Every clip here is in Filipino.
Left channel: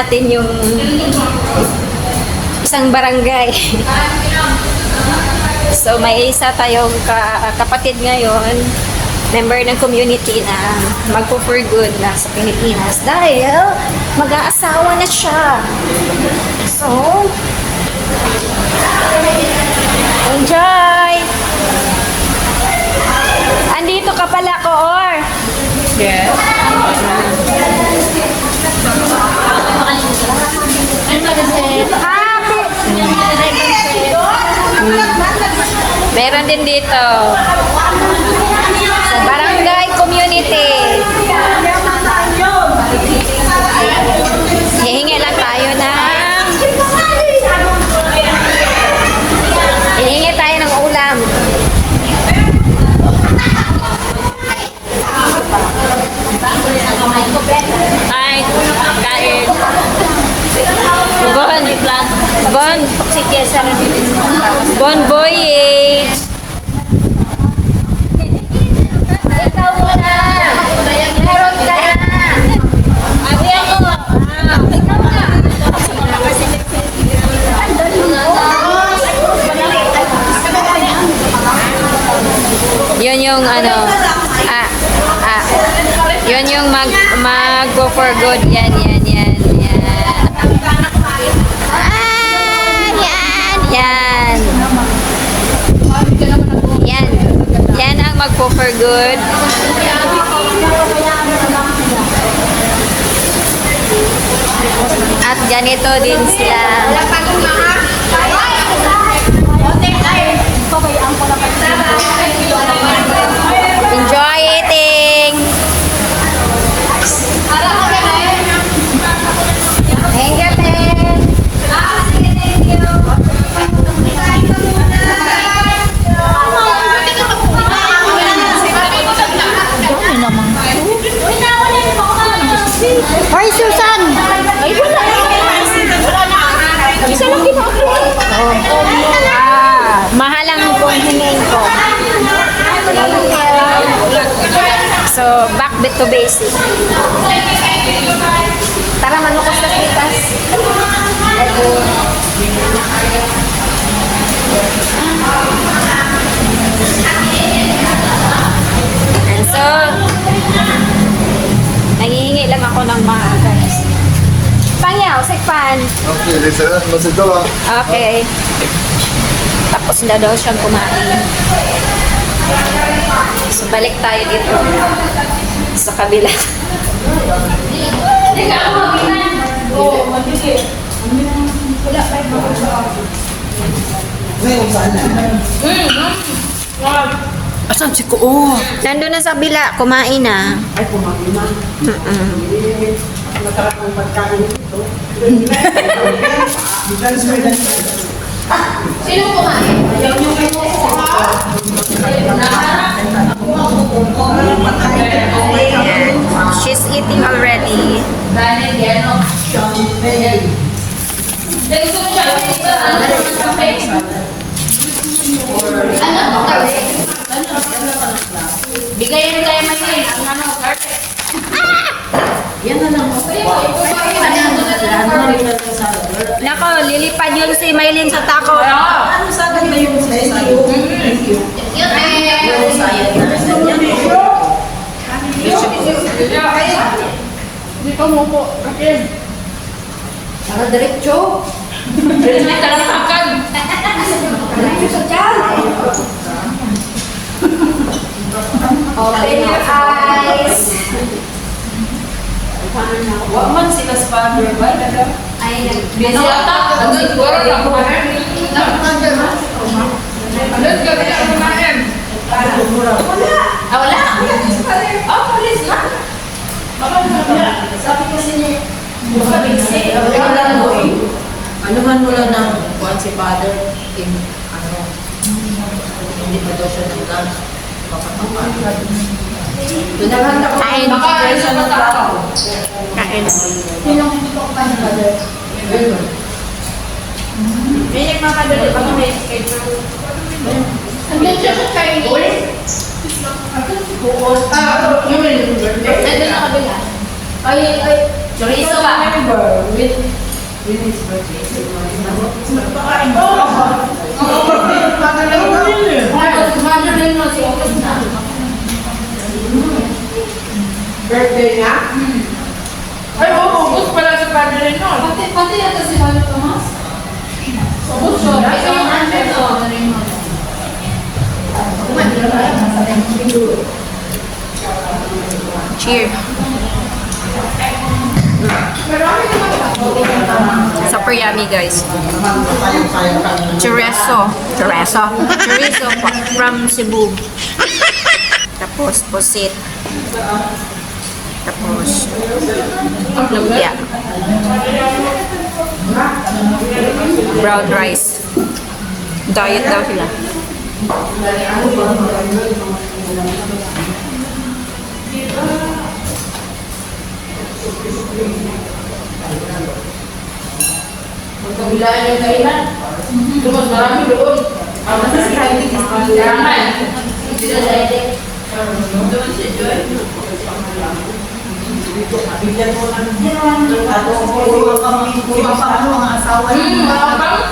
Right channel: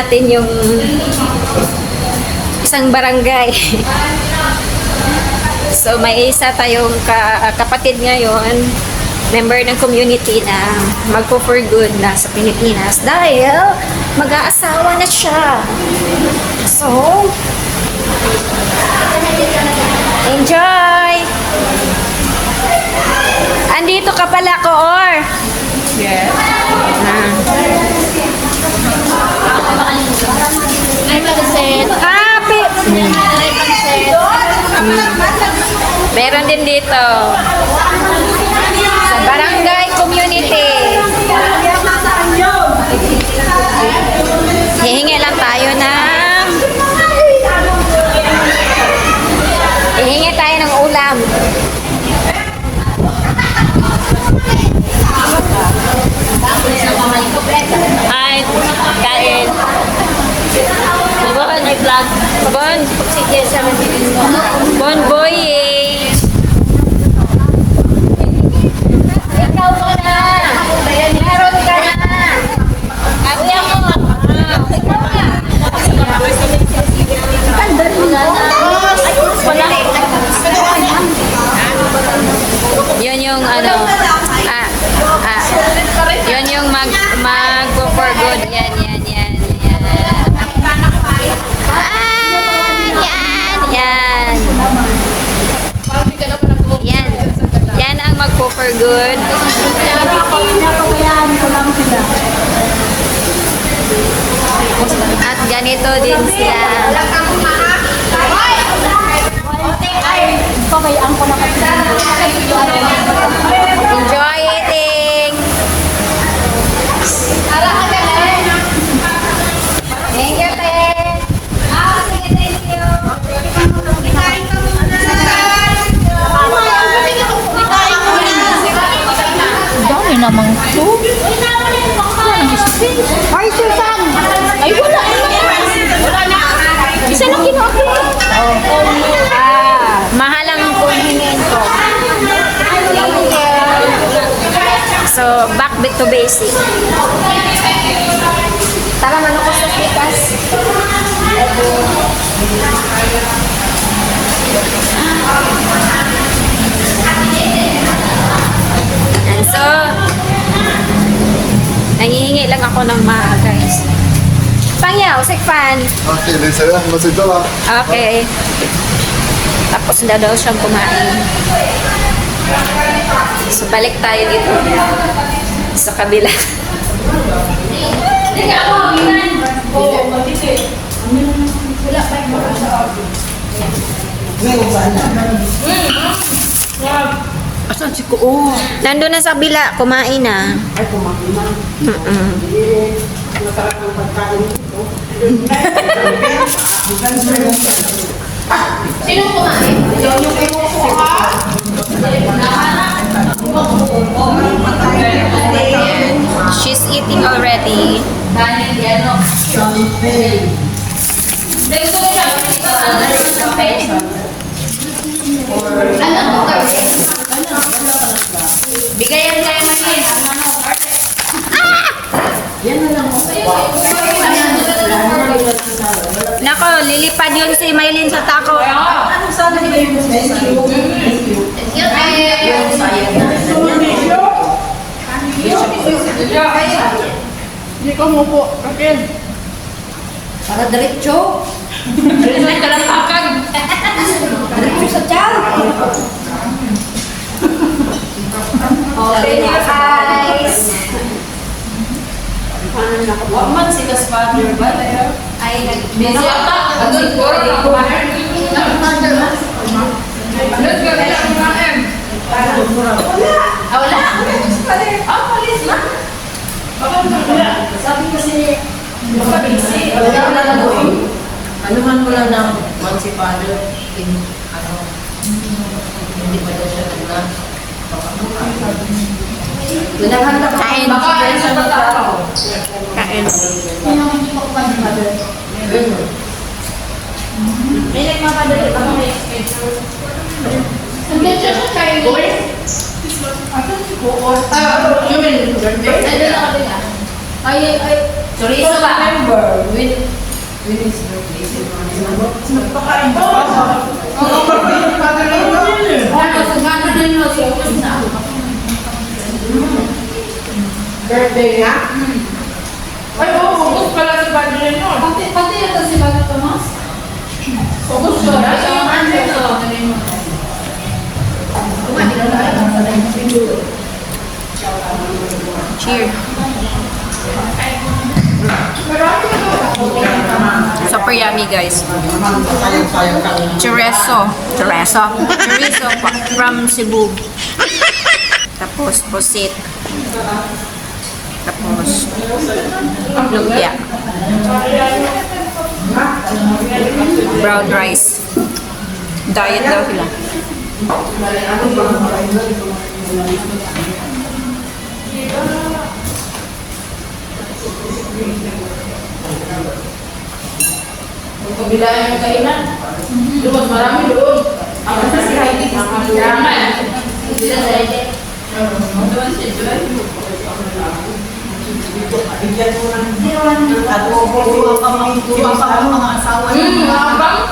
natin yung isang barangay. So may isa tayong kapatid ngayon, member ng community na magpo-for good na sa Pilipinas dahil mag-aasawa na siya. So, enjoy! Andito ka pala, Koor. Yes. Meron din dito. Barangay community. Hihingi lang tayo ng ulam. Ay, kain. Bugon, ay vlog. Bugon. Bugon voyage. Ikaw muna. Meron ka na. Ate ako. Ikaw na. Yun yung ano. Yun yung mag-go for good. Yan. Yan ang mag-go for good. At ganito din sila. Enjoy eating! Thank you, Ben! Thank you! Dami naman. Hi, Susan! Ay, wala. Isa lang gino-upload. Mahal lang ang hinihin ko. So, back to basic. Tara, manukos sa pitas. And so, nangihingi lang ako ng guys. Pangyaw, sikpan. Okay, di saya masih jalan. Okay. Tapos na daw siyang kumain. So, balik tayo dito sa kabila. Asan si Ko? Nandun na sa kabila, kumain na. Ay, kumain na. Nakarang pagkain dito. Sino kumain? Yung she's eating already. Bigayan kayo Maylin. Yan na lang. Nako, lilipad yun si Maylin sa tako. Ano sana ba yung sinasabi? Thank you. Hindi ka mo po. Akin. Para diretso. May kalampakan. Diretso sa tiyan. Open your eyes. Man sila sa partner ba? Ay, Binata. Andun ko rin ako. Andun ka rin ako kumain. Wala. Palis na. Sabi kasi niya, Wala na mo eh. Ano man wala na mo. Kuhan si father. Hindi pa ba siya nag-lunch? Baka kapag. Dinahan na ko. Kain. makain sa tatao. Kain. Very good. May nagmamadali pa kami schedule. Hindi siya sa Chinese. You mean birthday? Ay, Chorizo ba? With his birthday. Pakain ko. Oo, mother-in-law. So, ubos na. Birthday nga? Ay, oo, ubos pala si mother-in-law. Pati yata si Lolo Tomas. Ubos siya. Ito yung under to. Cheers. Super yummy, guys. Chorizo from Cebu. Tapos pusit. Tapos yeah. Brown rice. Diet daw sila. Magkabilaan yung kainan. Yung mas marami doon. Ang sa si Heidi. Yaman. Hindi na sa Heidi. Doon si Joy. Bigyan mo ng adobo, mga mga asawa niyo.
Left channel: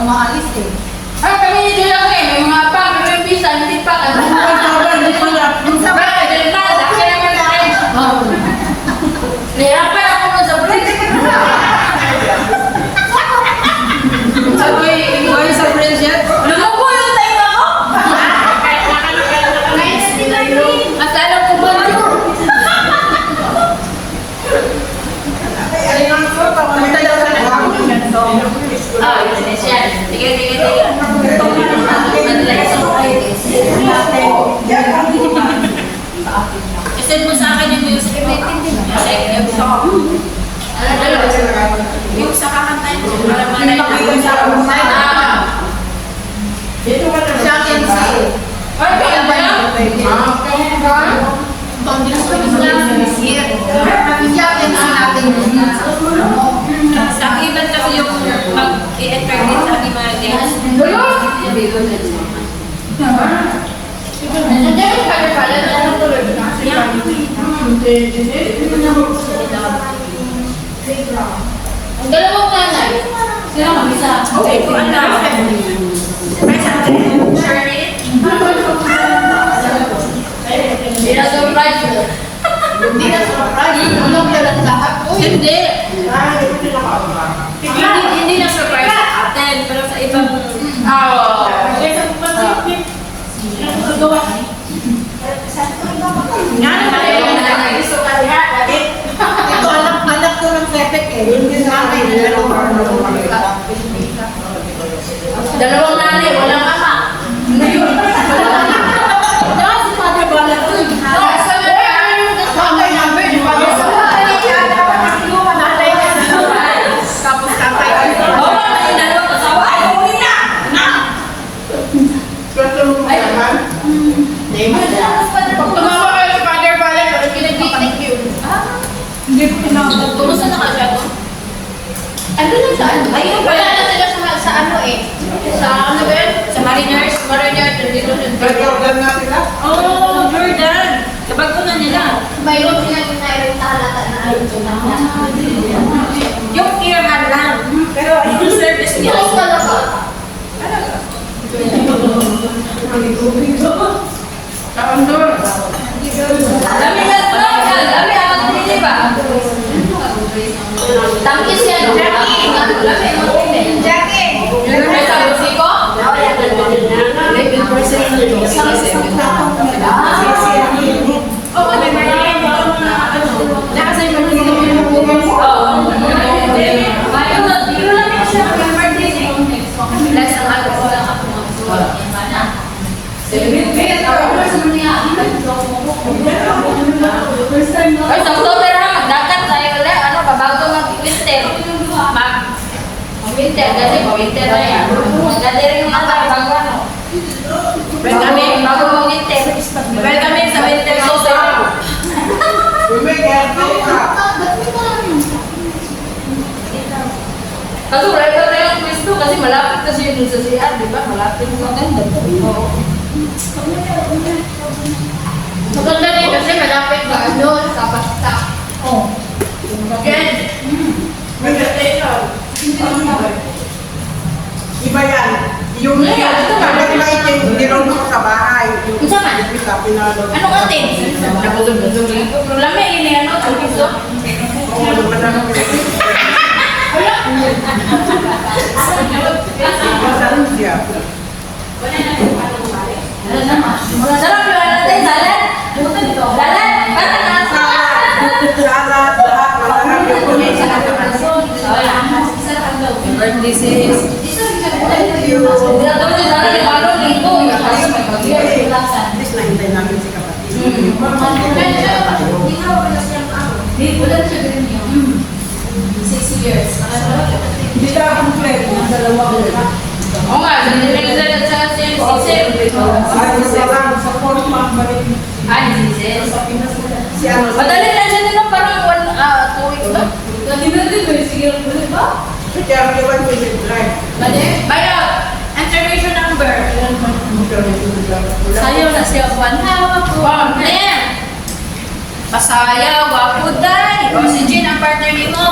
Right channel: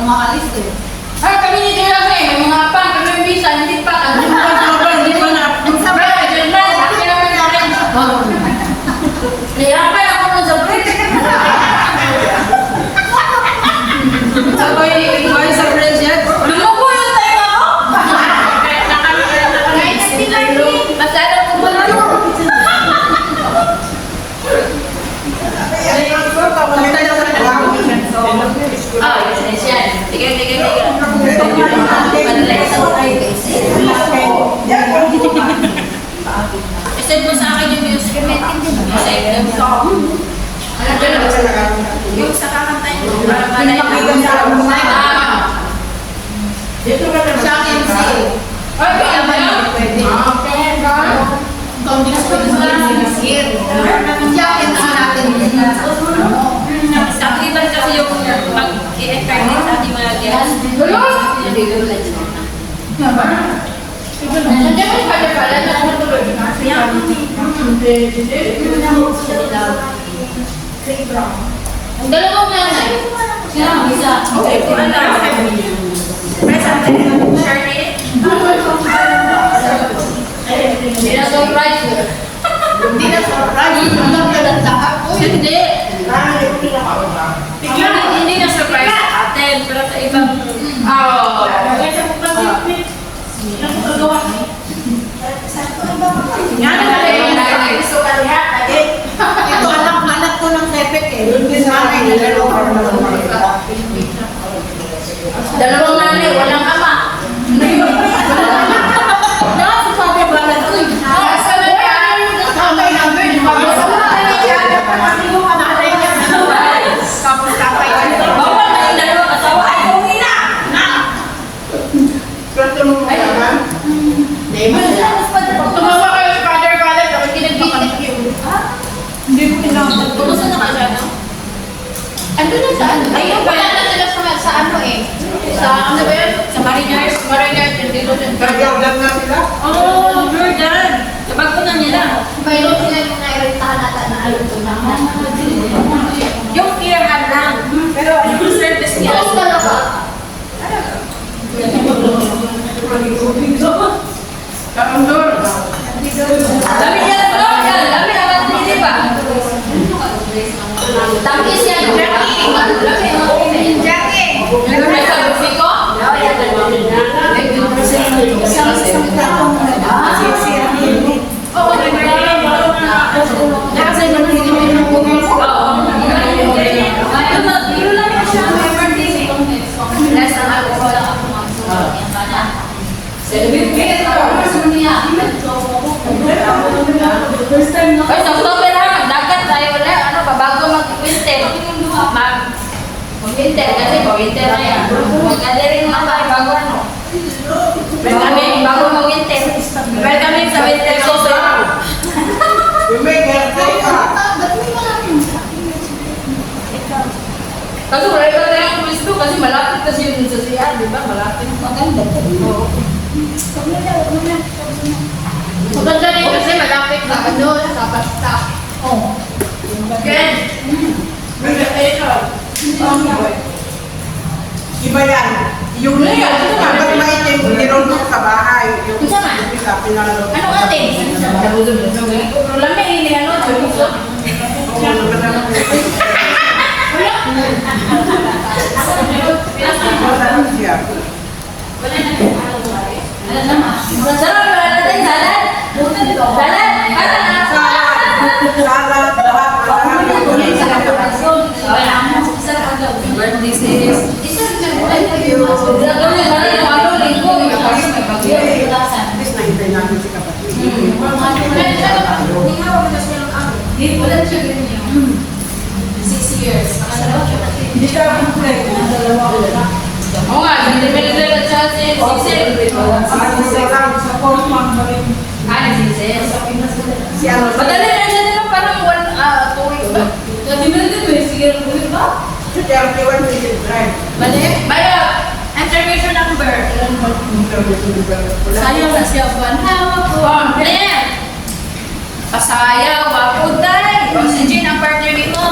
Umalis din. Ay, kami ni Joy ako eh. May mga pang, pero may bisa, hindi pa. Ano ba? Hindi pa na. Sabay, hindi na. Laki naman na rin. Nihirapan ako nun sa break. Sabay, iwan sa friends yan. Lumuko yung tayo ako. Masala ko ba yun? Ah, yes, yan. Sige. I-send mo sa akin yung music. Kasi yung sa kakantayin mo. Para malay mo. Dito ka na sa akin si... Ay, kaya ba yan? Sa iban kasi yung pag-i-eternate sa aking mga guests. Nandiyan yung pala na lang tuloy na. Ang dalawang nanay. Sila mag-isa. Okay, ko alam. Charlotte? Hindi na surprise. Hindi na surprise. Alam na lang lahat. Hindi. Hindi na surprise. Attend, pero sa ibang... Oo. Yan na yung nanay. Gusto ka diha. Ito anak ko ng tepek eh. Hindi sa akin. Dalawang nanay, walang ama. Si Father Balan. Uy. Asa na yan? Tatay namin. Tatay siya. Tatay niya. Tapos tatay niya. Bawa na yung dalawang asawa. Ay, uwi na! Na! Tumawa kayo sa Father Balan, pero kinabitik yun. Hindi ko tinapos. Kumusta na ka siya, no? Ano na saan? Ayun, Wala na sila sa ano eh. Sa ano ba yun? Sa Mariners? Mariners, hindi ko siya. Nag-order na sila? Oh, Jordan! Kabagunan niya na. Mayroon sila yung nairentala na ayun na. Yung earham lang. Pero yung service niya. Bukas talaga. Kaandor. Dami yan, bro. Dami alam mo, hindi ba? Tangkis yan. Ano, lami ang hindi. Yung may salusi ko? Oo, Ay, sa October ha, dagat tayo ulit, ano, bago mag-winter. Mag-winter, kasi pa-winter na yan. Mag-gathering lang tayo bago ano. Pero kami, bago mag-winter. Pero kami sa winter solstice. Kaso marami pa tayong pwesto kasi malapit na siya dun sa siya, di ba? Malapit. Maganda. Oo. Maganda rin kasi malapit pa doon sa basta. Oh. Again. Iba yan. Yung dapat maitim, nilunok sa bahay. Yung Isa ka? isa, pinalo. Ano ate? Nabusog-busog eh. Problema ini ano? Nabusog. Ano naman na po. Wala. Masarap siya. Ano naman? Sarap ba natin? Salad? Salad? Bata na. Salad, lahat, lahat. Birthday sis. Gagawin na rin yung araw, linggo. Yung araw, may bagay. Imbis na hintay namin si kapatid. Wala siya ganyan. 6 years. Hindi ka kompleto. Oo nga, hindi nila sa siya. Ay, sa fourth month pa rin. Ay, sis. Si ano, Madali lang siya nila parang 2 weeks ba? si 31 si Hildred. Mayo, intervention number. Sayang na siya. Hawak ko. Ayan. Pasaya, wapo day. O si Jean ang partner mo.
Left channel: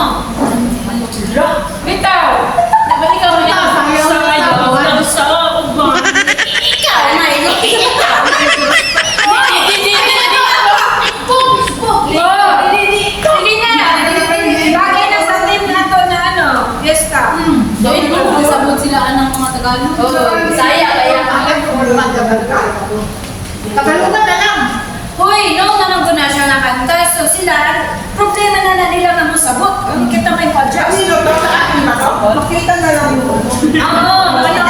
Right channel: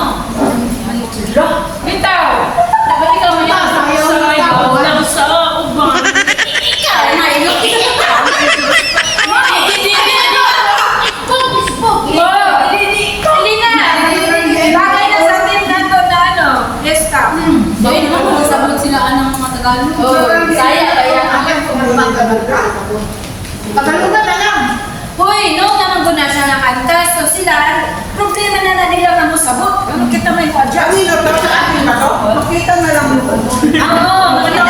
Bitaw. Dapat ikaw na ito. Sayo. Sa ako ba? Ikaw. Hindi na. Bagay na sa team nato na ano. Yes ka. Dahil naman kung sabot sila ng mga Tagalog. Saya, kaya. Tagalugan na lang. Hoy, no, naman ko na siya nakanta. So sila, problema na nila na mo sabot. Ano kita may Kasi padya? ito sa akin ba? Makita na lang mo. Oo, ganito